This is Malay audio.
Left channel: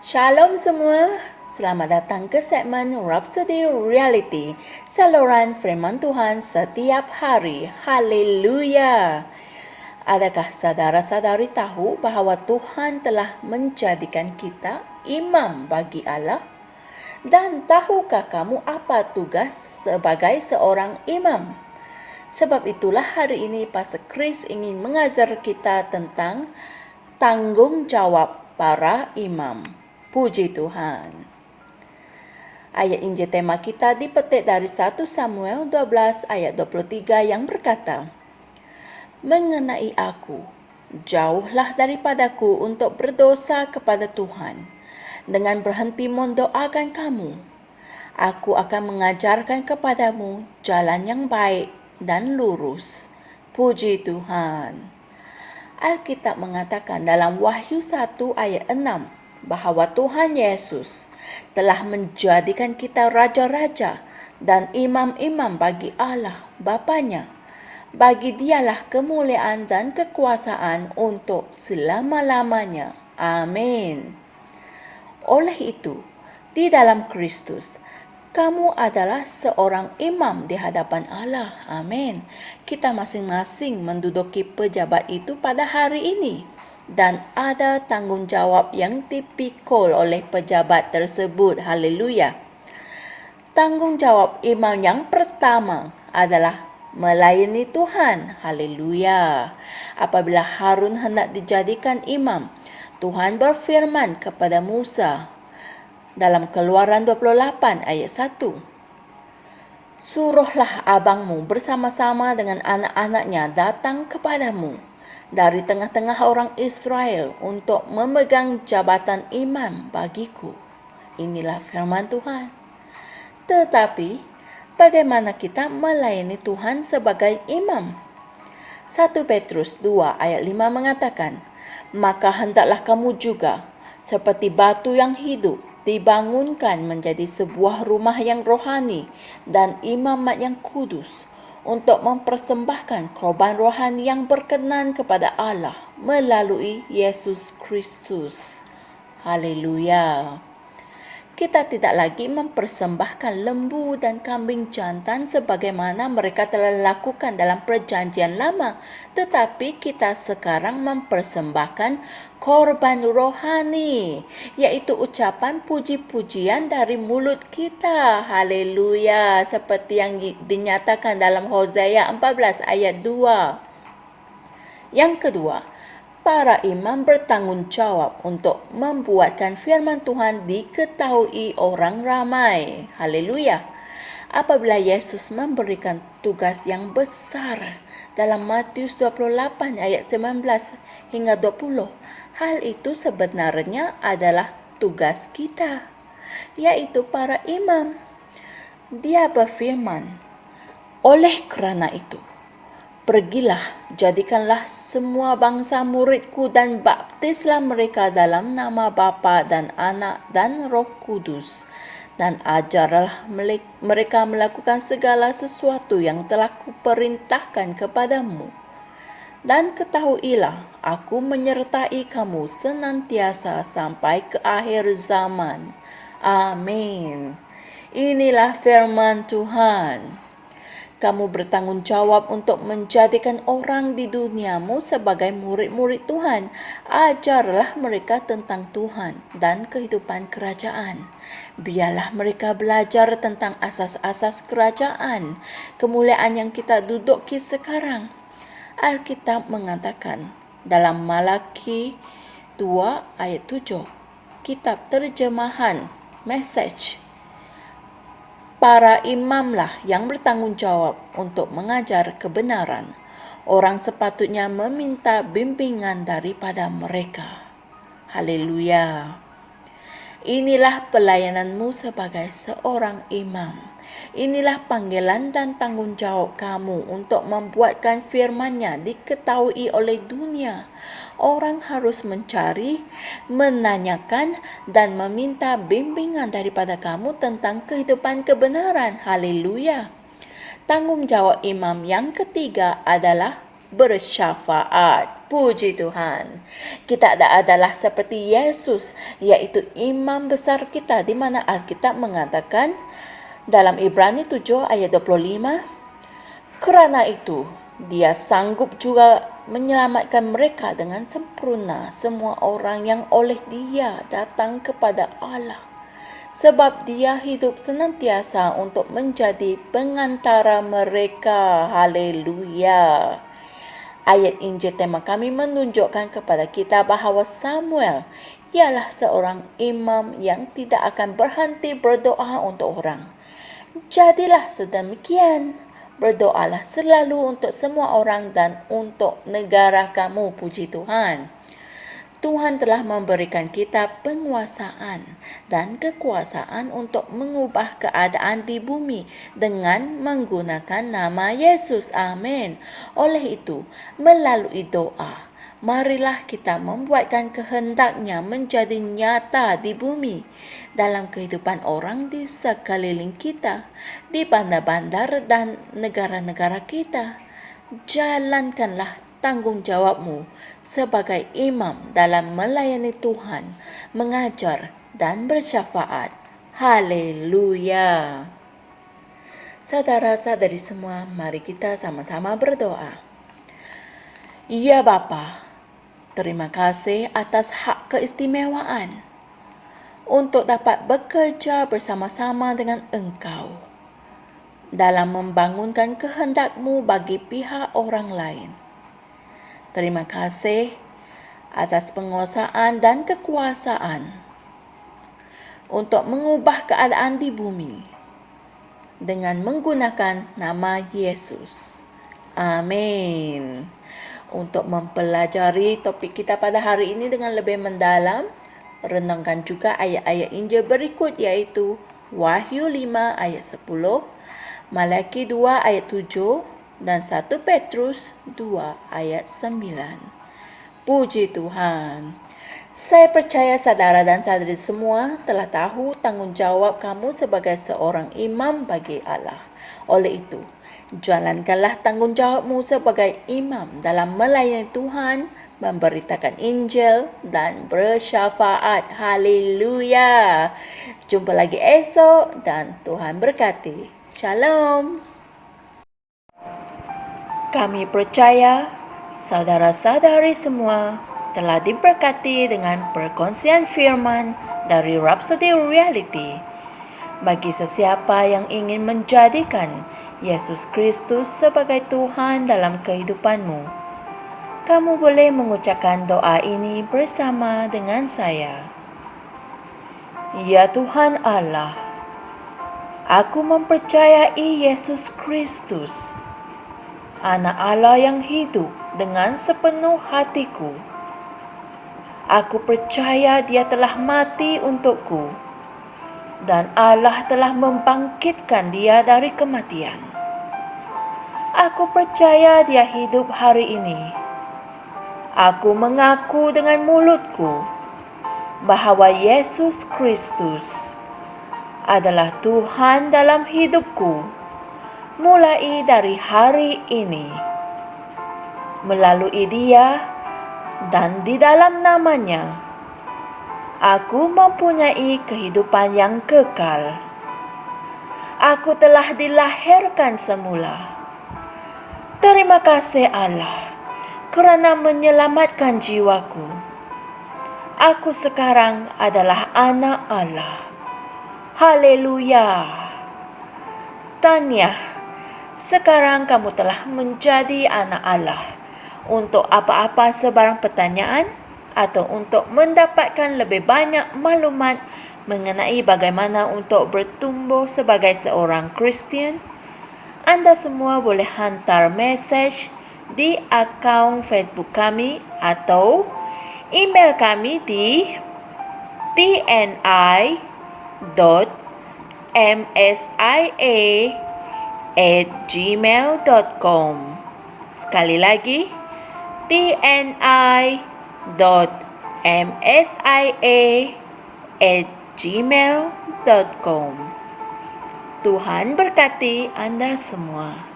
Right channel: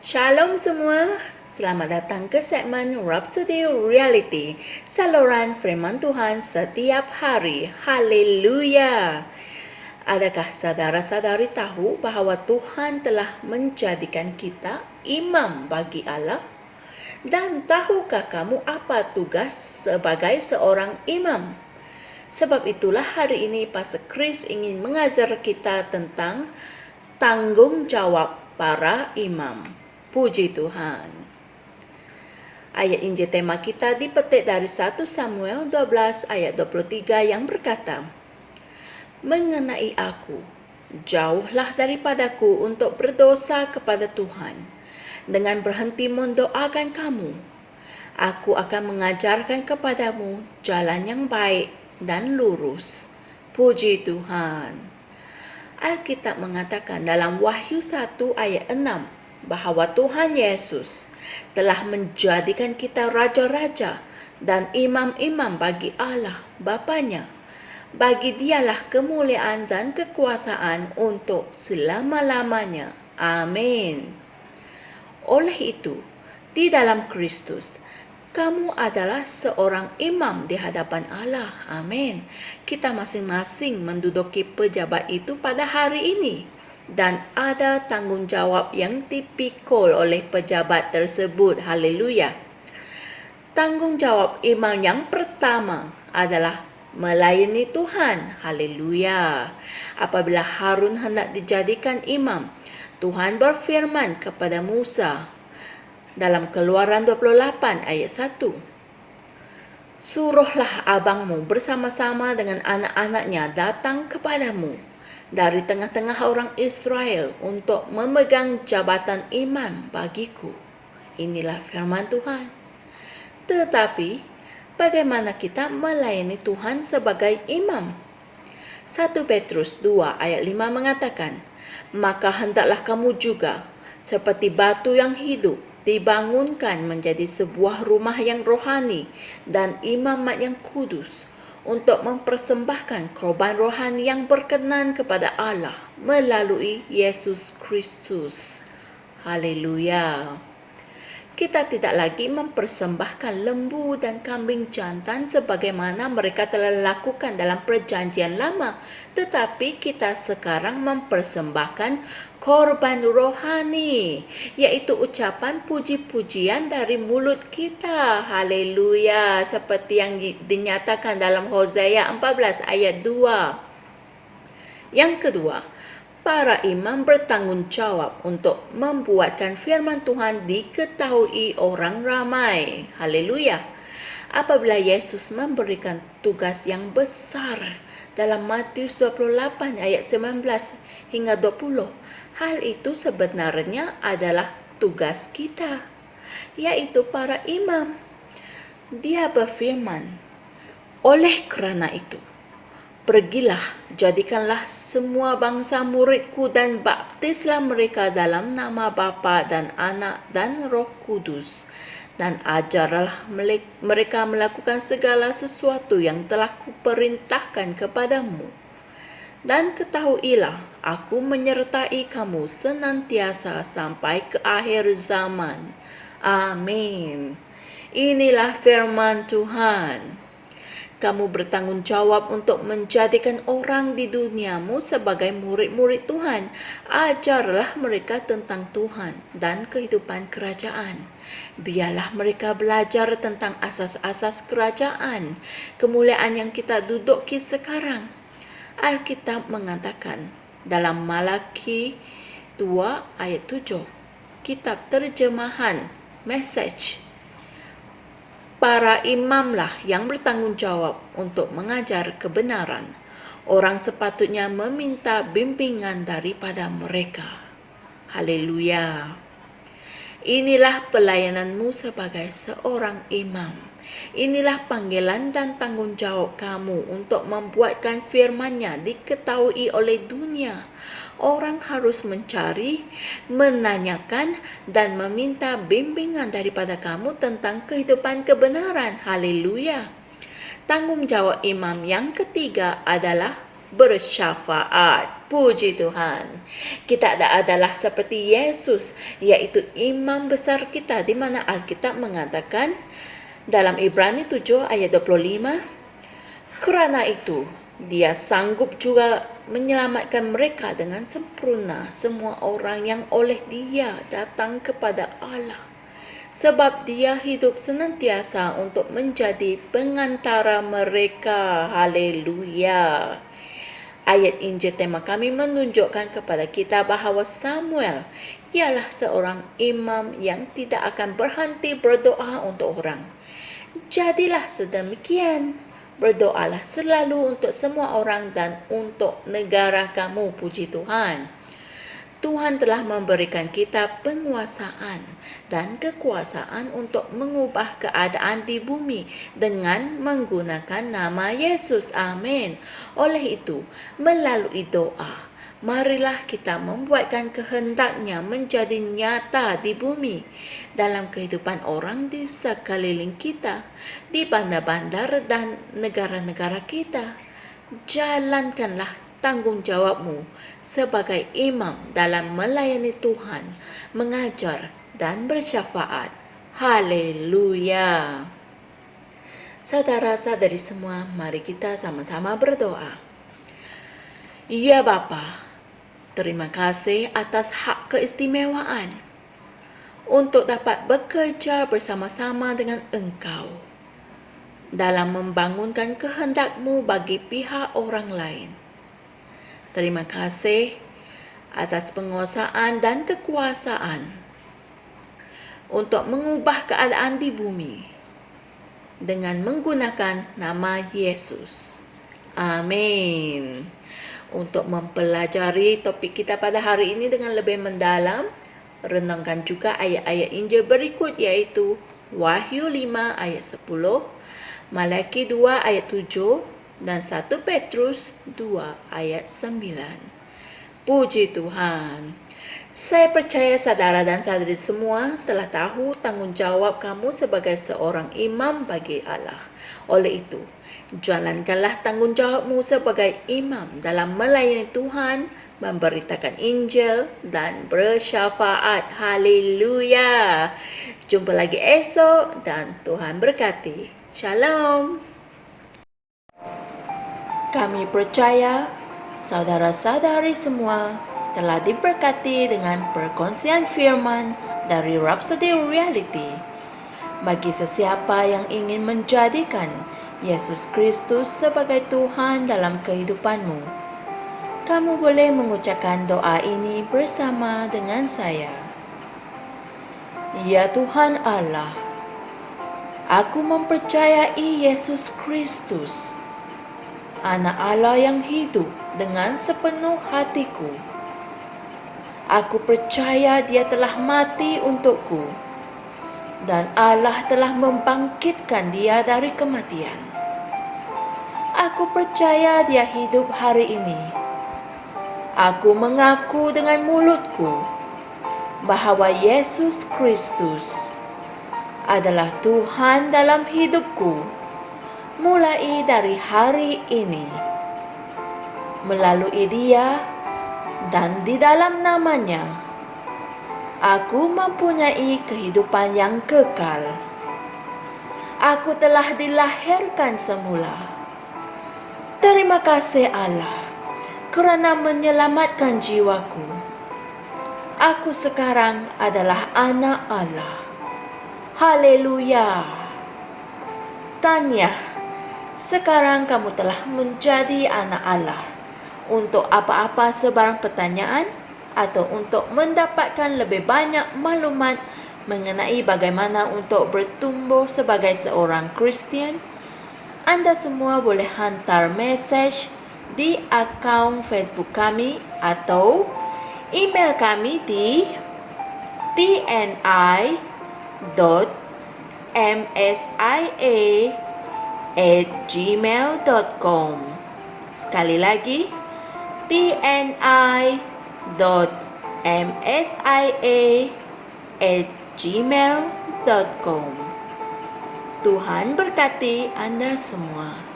Shalom semua, selamat datang ke segmen Rhapsody Reality, saluran firman Tuhan setiap hari. Haleluya! Adakah saudara-saudari tahu bahawa Tuhan telah menjadikan kita imam bagi Allah? Dan tahukah kamu apa tugas sebagai seorang imam? Sebab itulah hari ini Pastor Chris ingin mengajar kita tentang tanggungjawab para imam. Puji Tuhan. Ayat Injil tema kita dipetik dari 1 Samuel 12 ayat 23 yang berkata, "Mengenai aku, jauhlah daripadaku untuk berdosa kepada Tuhan, dengan berhenti mendoakan kamu. Aku akan mengajarkan kepadamu jalan yang baik dan lurus." Puji Tuhan. Alkitab mengatakan dalam Wahyu 1 ayat 6 bahawa Tuhan Yesus telah menjadikan kita raja-raja dan imam-imam bagi Allah Bapanya. Bagi dialah kemuliaan dan kekuasaan untuk selama-lamanya. Amin. Oleh itu, di dalam Kristus, kamu adalah seorang imam di hadapan Allah. Amin. Kita masing-masing menduduki pejabat itu pada hari ini. Dan ada tanggungjawab yang dipikul oleh pejabat tersebut. Haleluya. Tanggungjawab imam yang pertama adalah melayani Tuhan. Haleluya. Apabila Harun hendak dijadikan imam, Tuhan berfirman kepada Musa dalam Keluaran 28 ayat 1. "Suruhlah abangmu bersama-sama dengan anak-anaknya datang kepadamu dari tengah-tengah orang Israel untuk memegang jabatan imam bagiku." Inilah firman Tuhan. Tetapi, bagaimana kita melayani Tuhan sebagai imam? 1 Petrus 2 ayat 5 mengatakan, "Maka hendaklah kamu juga, seperti batu yang hidup, dibangunkan menjadi sebuah rumah yang rohani dan imamat yang kudus, untuk mempersembahkan korban rohani yang berkenan kepada Allah melalui Yesus Kristus." Haleluya. Kita tidak lagi mempersembahkan lembu dan kambing jantan sebagaimana mereka telah lakukan dalam perjanjian lama, tetapi kita sekarang mempersembahkan korban rohani, yaitu ucapan puji-pujian dari mulut kita. Haleluya, seperti yang dinyatakan dalam Hosea 14 ayat 2. Yang kedua, para imam bertanggungjawab untuk membuatkan firman Tuhan diketahui orang ramai. Haleluya. Apabila Yesus memberikan tugas yang besar dalam Matius 28 ayat 19 hingga 20, hal itu sebenarnya adalah tugas kita, yaitu para imam. Dia berfirman, "Oleh kerana itu, pergilah, jadikanlah semua bangsa muridku dan baptislah mereka dalam nama Bapa dan Anak dan Roh Kudus, dan ajarlah mereka melakukan segala sesuatu yang telah kuperintahkan kepadamu. Dan ketahuilah, aku menyertai kamu senantiasa sampai ke akhir zaman." Amin. Inilah firman Tuhan. Kamu bertanggungjawab untuk menjadikan orang di duniamu sebagai murid-murid Tuhan. Ajarlah mereka tentang Tuhan dan kehidupan kerajaan. Biarlah mereka belajar tentang asas-asas kerajaan, kemuliaan yang kita duduki sekarang. Alkitab mengatakan dalam Malaki 2 ayat 7, kitab terjemahan Message, para imamlah yang bertanggungjawab untuk mengajar kebenaran. Orang sepatutnya meminta bimbingan daripada mereka. Haleluya. Inilah pelayananmu sebagai seorang imam. Inilah panggilan dan tanggungjawab kamu untuk membuatkan firman-Nya diketahui oleh dunia. Orang harus mencari, menanyakan dan meminta bimbingan daripada kamu tentang kehidupan kebenaran. Haleluya. Tanggungjawab imam yang ketiga adalah bersyafaat. Puji Tuhan. Kita adalah seperti Yesus, yaitu imam besar kita, di mana Alkitab mengatakan dalam Ibrani 7 ayat 25, kerana itu Dia sanggup juga menyelamatkan mereka dengan sempurna, semua orang yang oleh Dia datang kepada Allah. Sebab Dia hidup senantiasa untuk menjadi pengantara mereka. Haleluya. Ayat Injil tema kami menunjukkan kepada kita bahawa Samuel ialah seorang imam yang tidak akan berhenti berdoa untuk orang. Jadilah sedemikian. Berdoalah selalu untuk semua orang dan untuk negara kamu. Puji Tuhan. Tuhan telah memberikan kita penguasaan dan kekuasaan untuk mengubah keadaan di bumi dengan menggunakan nama Yesus. Amin. Oleh itu, melalui doa, marilah kita membuatkan kehendak-Nya menjadi nyata di bumi, dalam kehidupan orang di sekeliling kita, di bandar-bandar dan negara-negara kita. Jalankanlah tanggungjawabmu sebagai imam dalam melayani Tuhan, mengajar dan bersyafaat. Haleluya. Saudara-saudari semua, mari kita sama-sama berdoa. Ya Bapa, terima kasih atas hak keistimewaan untuk dapat bekerja bersama-sama dengan Engkau dalam membangunkan kehendak-Mu bagi pihak orang lain. Terima kasih atas penguasaan dan kekuasaan untuk mengubah keadaan di bumi dengan menggunakan nama Yesus. Amin. Untuk mempelajari topik kita pada hari ini dengan lebih mendalam, renungkan juga ayat-ayat Injil berikut, iaitu Wahyu 5 ayat 10, Malaki 2 ayat 7 dan 1 Petrus 2 ayat 9. Puji Tuhan. Saya percaya saudara dan saudari semua telah tahu tanggungjawab kamu sebagai seorang imam bagi Allah. Oleh itu, jalankanlah tanggungjawabmu sebagai imam dalam melayani Tuhan, memberitakan Injil dan bersyafaat. Haleluya. Jumpa lagi esok dan Tuhan berkati. Shalom. Kami percaya saudara-saudari semua telah diberkati dengan perkongsian firman dari Rhapsody Reality. Bagi sesiapa yang ingin menjadikan Yesus Kristus sebagai Tuhan dalam kehidupanmu, kamu boleh mengucapkan doa ini bersama dengan saya. Ya Tuhan Allah, aku mempercayai Yesus Kristus, Anak Allah yang hidup dengan sepenuh hatiku. Aku percaya Dia telah mati untukku dan Allah telah membangkitkan Dia dari kematian. Aku percaya Dia hidup hari ini. Aku mengaku dengan mulutku bahwa Yesus Kristus adalah Tuhan dalam hidupku mulai dari hari ini. Melalui Dia dan di dalam nama-Nya, aku mempunyai kehidupan yang kekal. Aku telah dilahirkan semula. Terima kasih Allah kerana menyelamatkan jiwaku. Aku sekarang adalah anak Allah. Haleluya. Tahniah, sekarang kamu telah menjadi anak Allah. Untuk apa-apa sebarang pertanyaan atau untuk mendapatkan lebih banyak maklumat mengenai bagaimana untuk bertumbuh sebagai seorang Kristian, anda semua boleh hantar mesej di akaun Facebook kami atau email kami di tni.msia@gmail.com. Sekali lagi, tni.msia@gmail.com. Tuhan berkati Anda semua.